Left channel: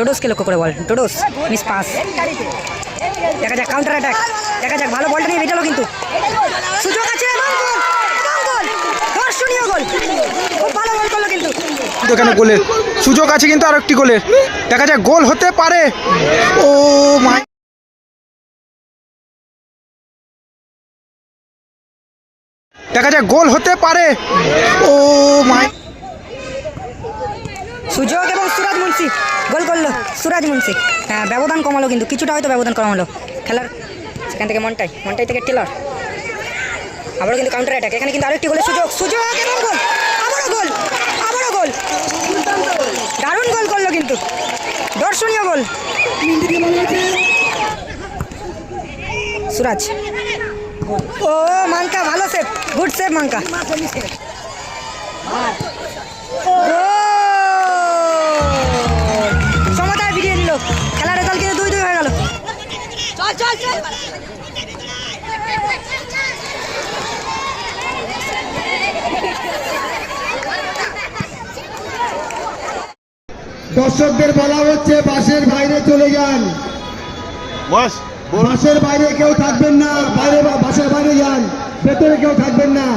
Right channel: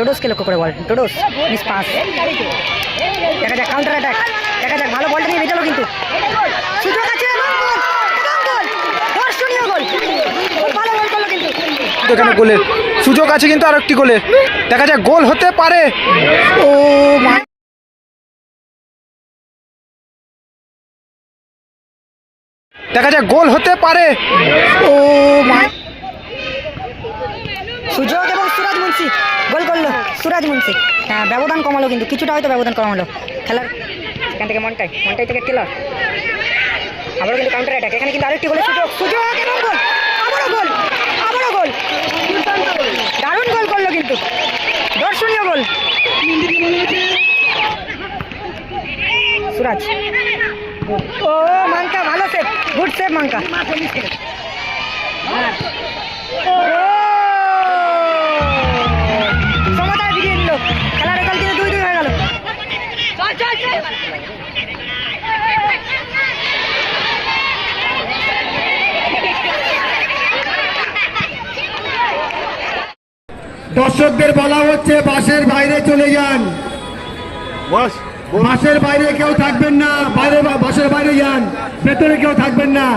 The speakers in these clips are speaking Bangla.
ডোডোসকে লক্ষ্য করে বল। ডোডোস মিস পাস দেখা যাক কাউন্টার অ্যাটাক দেখা যাক ভালো বলটা নিয়ে বেটালো কিন্তু। সুযোগ আছে এবং গোল এবং গোল দর্শনীয় গোল খুব ভালো গোল করল কিন্তু। কিন্তু এখানে গোলের সুযোগ আছে কিন্তু আর একটি গোলের দেখা যাক গোল হতে পারে। ও মাই দেখা যাক গোল হতে পারে। ও মাই সুযোগ মুন্সি গোল করল সুরাজ মুন্সি। হ্যাঁ ব্যবধান কমালো কিন্তু, কিছুটা হয়তো ব্যবধান কমালো। খেলার সেখান থেকে মনটাই মনটাই থেকে টেলর। আবারও কিন্তু কাউন্টার অ্যাটাক এখানে কিন্তু আরেকটি গোলের সুযোগ। সুযোগ গোল, আবারও গোল আবারও গোল। দারুণ গোল করল কিন্তু। দর্শনীয় গোল। সুরাজ। ও মাঙ্কা ভালো সেভ গুড সেভ মাঙ্কা সমতায় দর্শকদের বলা হচ্ছে বাসের বাইরে চলে যান। বস বাসের বাইরে কেউ থাকবেন না বাইরে বা বাসের বাইরে যান। ভেতরে কেউ থাকবেন না।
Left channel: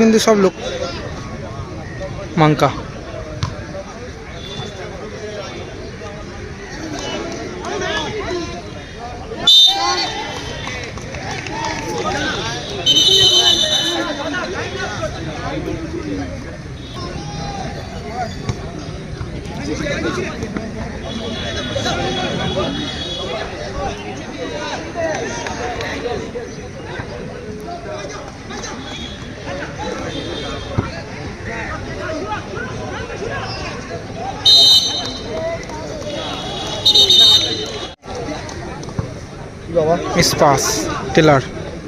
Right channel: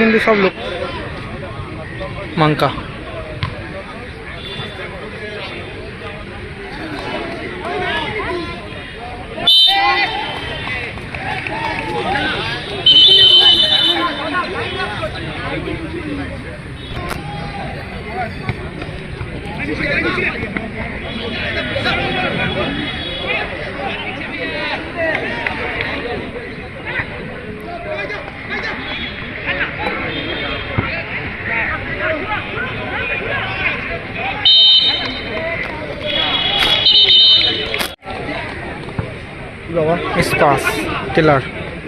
কিন্তু সব লোক। মাঙ্কা। SPAS, teller.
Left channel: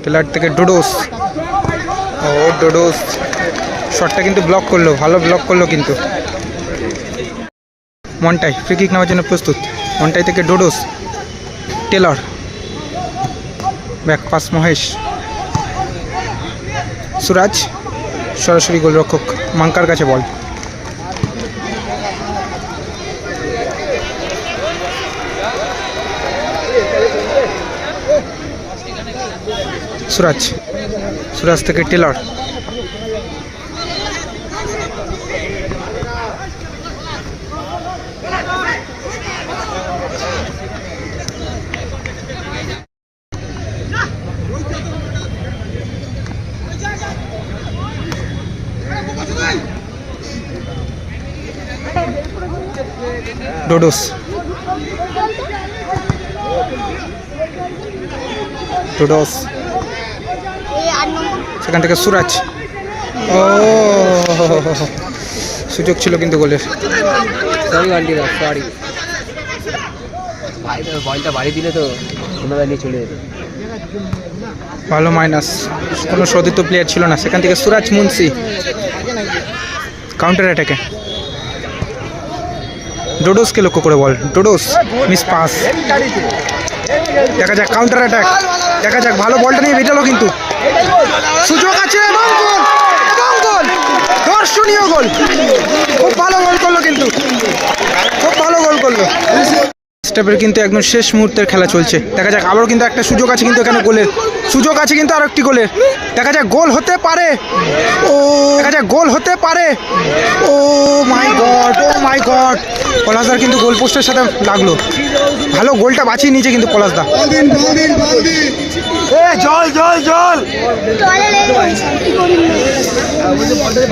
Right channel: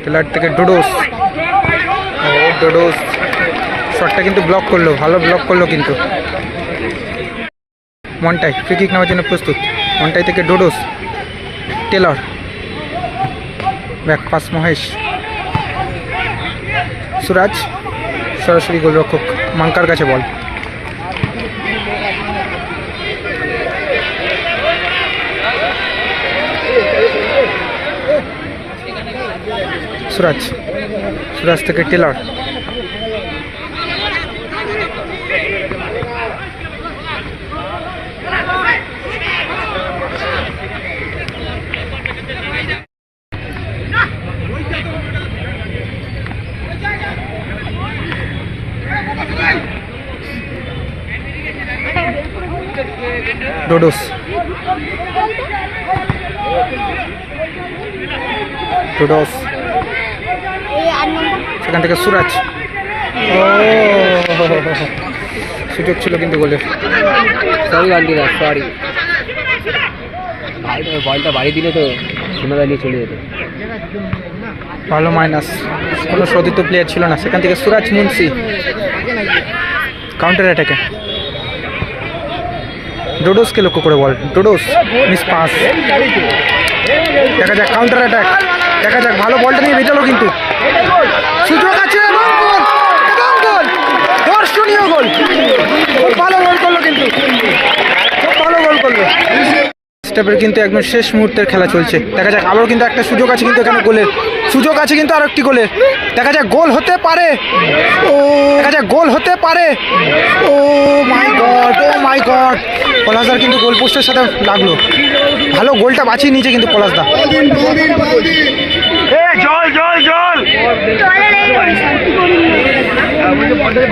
টেলার থেকে ডোডোস। ও, ডোডোস। শটটা কিন্তু ব্লক করল, ভালো ব্লক করল কিন্তু। মনটাই ফ্রি কিক নেওয়ার জন্য প্রস্তুত। মনটাই থেকে ডোডোস, Taylor. Back pass Mahesh. Suraj, সরাসরি গোলরক্ষক, মাঙ্কার কাছে বল। সুরাজ। সুরাজ থেকে টেলর। ডোডোস। ডোডোস। সেখান থেকে সুরাজ। ও সুযোগ ছিল কিন্তু গোলের। সরি সরি ভাই বলটা বাড়ি দিলে তো নিয়ে চলে যেত। ভালো মাইনাস কোনো শোধিত প্লেয়ার ছিল না। সেখান থেকে সুরাজ মুন্সি। কাউন্টার অ্যাটাকে ডোডোসকে লক্ষ্য করে বল। ডোডোস মিস পাস দেখা যাক কাউন্টার অ্যাটাক দেখা যাক ভালো বলটা নিয়ে বেটালো কিন্তু। সুযোগ আছে, এবং গোল এবং গোল। দর্শনীয় গোল। খুব ভালো গোল করল কিন্তু। খুব ভালো গোল করল। স্টেপের কিন্তু একদম শেষ মুহূর্তের খেলা চলছে। দেখা যাক আবারও কিন্তু একটা সুযোগ আছে কিন্তু এখানে গোলের। সুযোগ আছে কিন্তু আর একটি গোলের। দেখা যাক, গোল হতে পারে। ও, দেখা যাক, গোল হতে পারে। ও মাই গড ও মাই গড পলাশদার কিন্তু গোল পোস্টের সাথে লাগল। ভালো গোলটা বাঁচিয়ে নিয়েছে কিন্তু পলাশদা এ জল জল জল।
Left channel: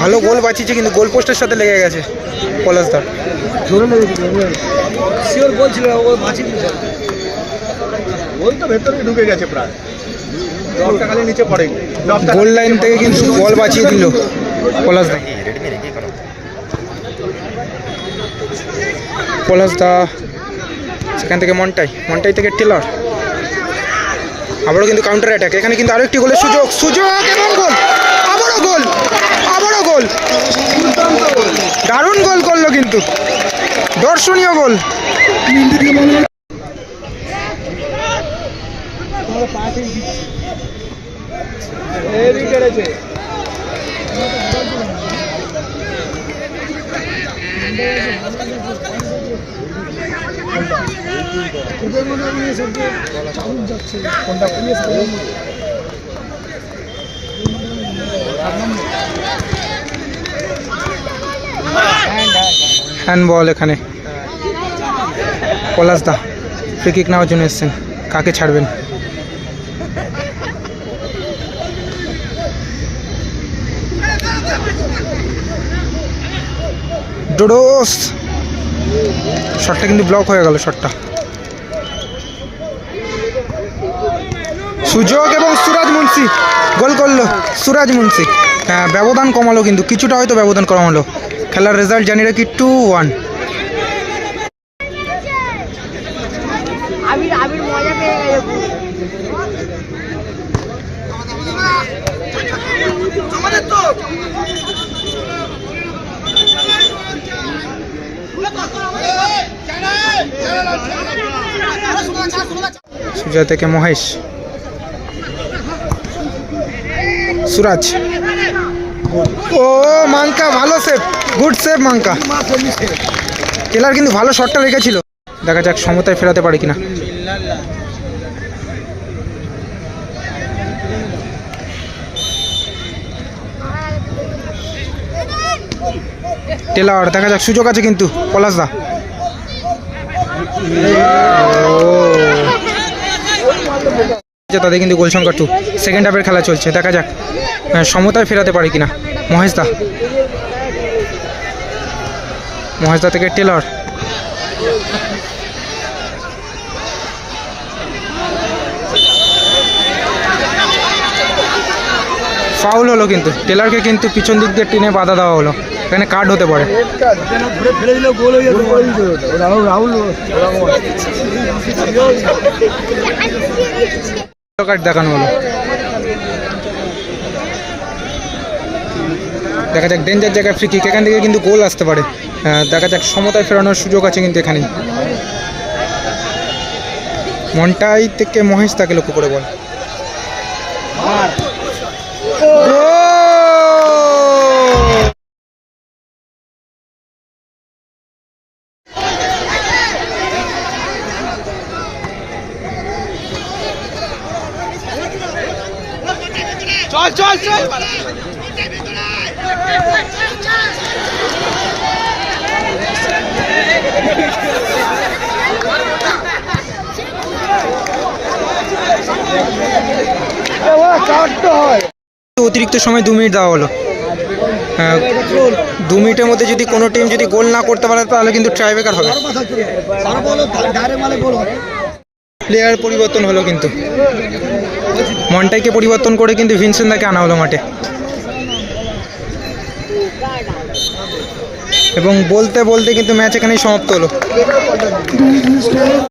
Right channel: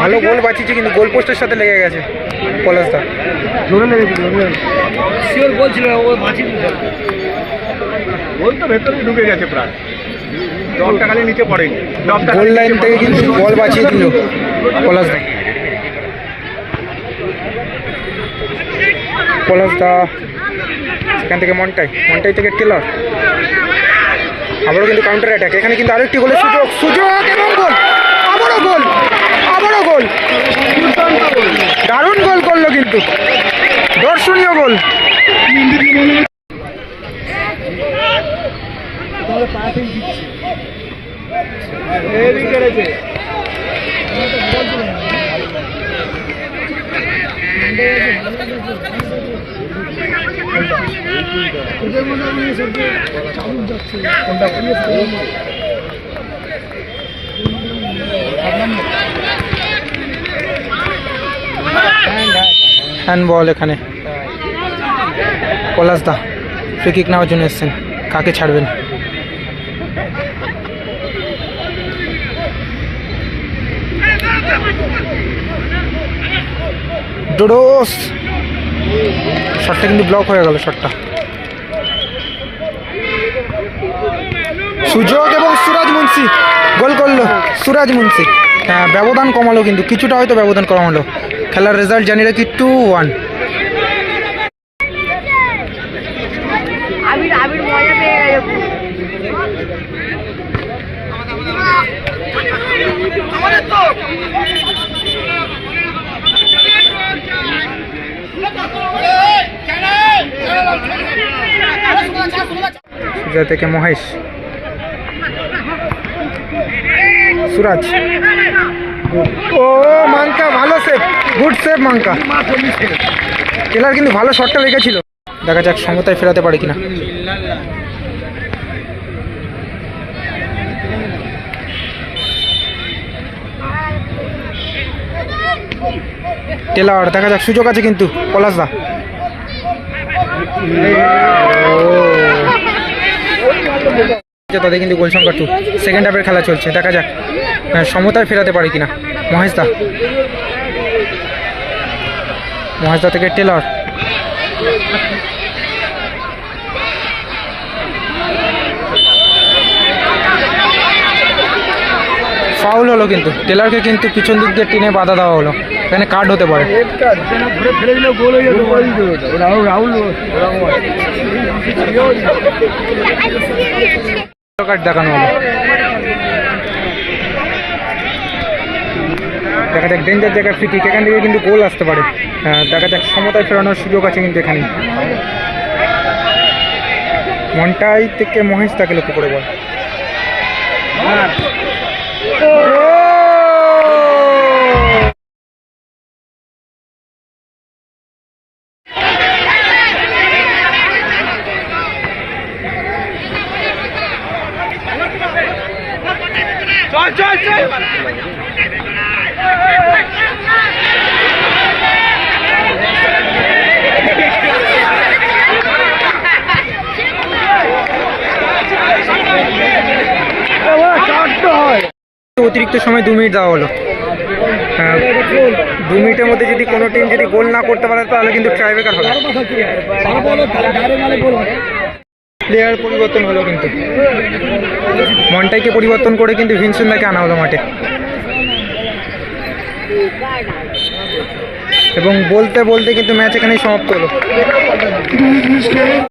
ভালো গোল বাঁচিয়েছে কিন্তু গোল পোস্টের সাথে লেগে গেছে পলাশদা জোরে লেগেছে জোরে শিওর বলছিল ও বাঁচিয়ে দিল গোল তো ভেতরে ঢুকে গেছে প্রায়। ডবটা খালি নিচে পড়েনি। গোল লাইন থেকে কিন্তু বল বাঁচিয়ে দিল পলাশদা পলাশদা সেখান থেকে মন্টাই, মনটাই থেকে টেলর আবারও কিন্তু কাউন্টার অ্যাটাক এখানে কিন্তু আরেকটি গোলের সুযোগ সুযোগ এবং গোল আবারও গোল আবারও গোল দারুণ গোল করল কিন্তু। দর্শনীয় গোল হ্যান্ড বল এখানে। পলাশ দা ফ্রি নেওয়ার জন্য এসছেন। কাকে ছাড়বেন? ডোডোস শটটা কিন্তু ব্লক হয়ে গেল শটটা সুযোগ এবং সুরাজ মুন্সি গোল করল সুরাজ মুন্সি। হ্যাঁ ব্যবধান কমালো কিন্তু কিছুটা হয়তো ব্যবধান কমালো। খেলার রেজাল্ট জানি রাখি টু ওয়ান আবির আবির সুজয় থেকে মহেশ। সুরাজ। ও মাঙ্কা ভালো সেভ গুড সেভ মাঙ্কা টেলার কিন্তু ভালো শটটা রেখেছিল। দেখা যাক সমতায় ফেরাতে পারে কিনা। টেলার, দেখা যাক, সুযোগ আছে কিন্তু পলাশদা তাদের কিন্তু গোল সংখ্যা টু সেকেন্ড হাফের খেলা চলছে, দেখা যাক সমতায় ফেরাতে পারে কিনা মহেশদা মহেশদা থেকে টেলর। ফাউল হলো কিন্তু। টেলারকে কিন্তু পিছন দিক দিয়ে টিনে বাধা দেওয়া হলো। এখানে কার্ড হতে পারে। দেখানো হলো। দেখা যাক ডেঞ্জার জায়গায় ফ্রি কিক এখান থেকে কিন্তু গোল আসতে পারে। দেখা যাক, সমতায় ফেরানোর সুযোগ আছে কিন্তু এখানে মনটাই থেকে মহেশ তাকে লক্ষ্য করে বল। অতিরিক্ত সময় দু মিনিট দেওয়া হলো। আহ, দু মিনিটের মধ্যে যদি কোনো টিম যদি গোল না করতে পারে তাহলে কিন্তু ট্রাইবেকার হবে। প্লেয়ার পরিবর্তন হলো কিন্তু। মনটাইকে পরিবর্তন করে কিন্তু ভিনসেন্দাকে আনা হলো মাঠে। এবং বলতে বলতে কিন্তু ম্যাচ এখানেই সমাপ্ত হলো।